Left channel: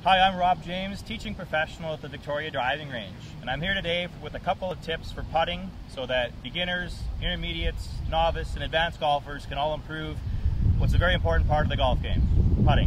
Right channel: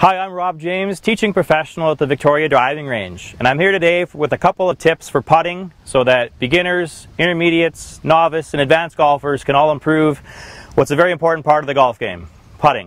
Hi, I'm Robb James, teaching professional at the Victoria Driving Range, and I'm here today with a couple of tips for putting so that beginners, intermediates, novice, and advanced golfers can all improve what's a very important part of the golf game, putting.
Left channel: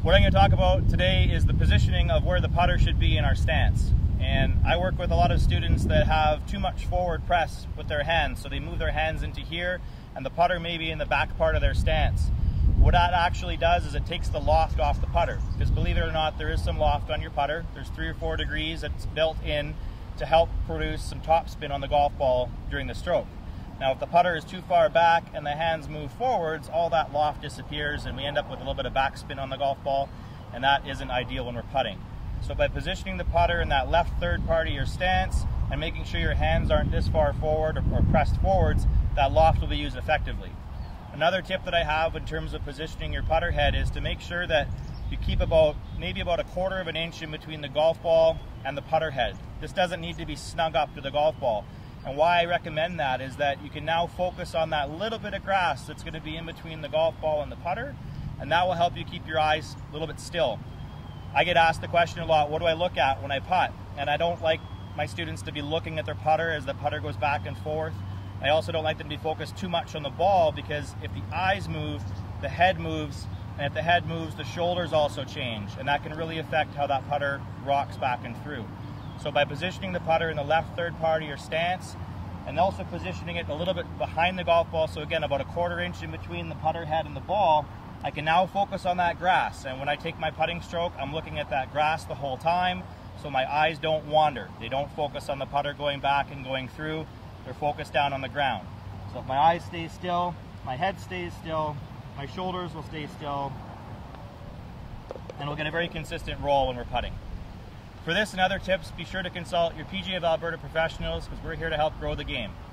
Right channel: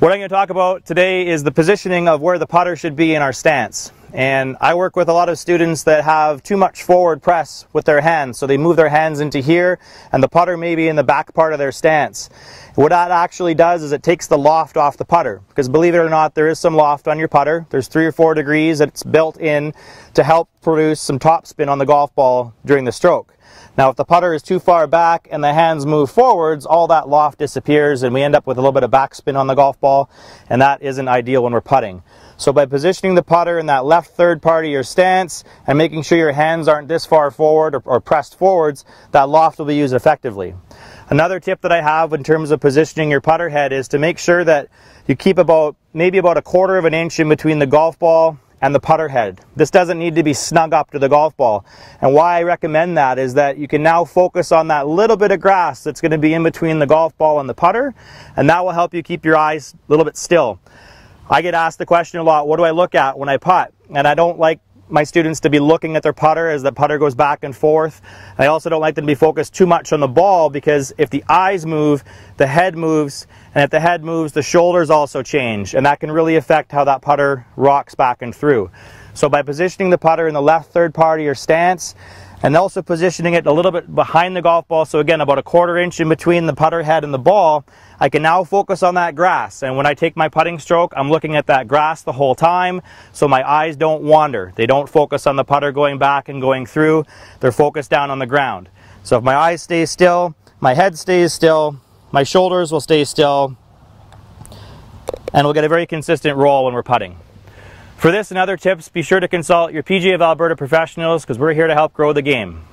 What I'm going to talk about today is the positioning of where the putter should be in our stance. And I work with a lot of students that have too much forward press with their hands, so they move their hands into here and the putter may be in the back part of their stance. What that actually does is it takes the loft off the putter, because believe it or not, there is some loft on your putter. There's 3 or 4 degrees that's built in to help produce some topspin on the golf ball during the stroke. Now if the putter is too far back and the hands move forwards, all that loft disappears and we end up with a little bit of backspin on the golf ball, and that isn't ideal when we're putting. So by positioning the putter in that left third part of your stance and making sure your hands aren't this far forward or pressed forwards, that loft will be used effectively. Another tip that I have in terms of positioning your putter head is to make sure that you keep maybe about 1/4 of an inch in between the golf ball and the putter head. This doesn't need to be snug up to the golf ball. And why I recommend that is that you can now focus on that little bit of grass that's going to be in between the golf ball and the putter, and that will help you keep your eyes a little bit still. I get asked the question a lot, what do I look at when I putt? And I don't like my students to be looking at their putter as the putter goes back and forth. I also don't like them to be focused too much on the ball, because if the eyes move, the head moves, and if the head moves, the shoulders also change, and that can really affect how that putter rocks back and through. So by positioning the putter in the left third part of your stance, and also positioning it a little bit behind the golf ball, so again about 1/4 inch in between the putter head and the ball, I can now focus on that grass, and when I take my putting stroke, I'm looking at that grass the whole time, so my eyes don't wander. They don't focus on the putter going back and going through, they're focused down on the ground. So if my eyes stay still, my head stays still, my shoulders will stay still, and we'll get a very consistent roll when we're putting. For this and other tips, be sure to consult your PGA of Alberta professionals, because we're here to help grow the game.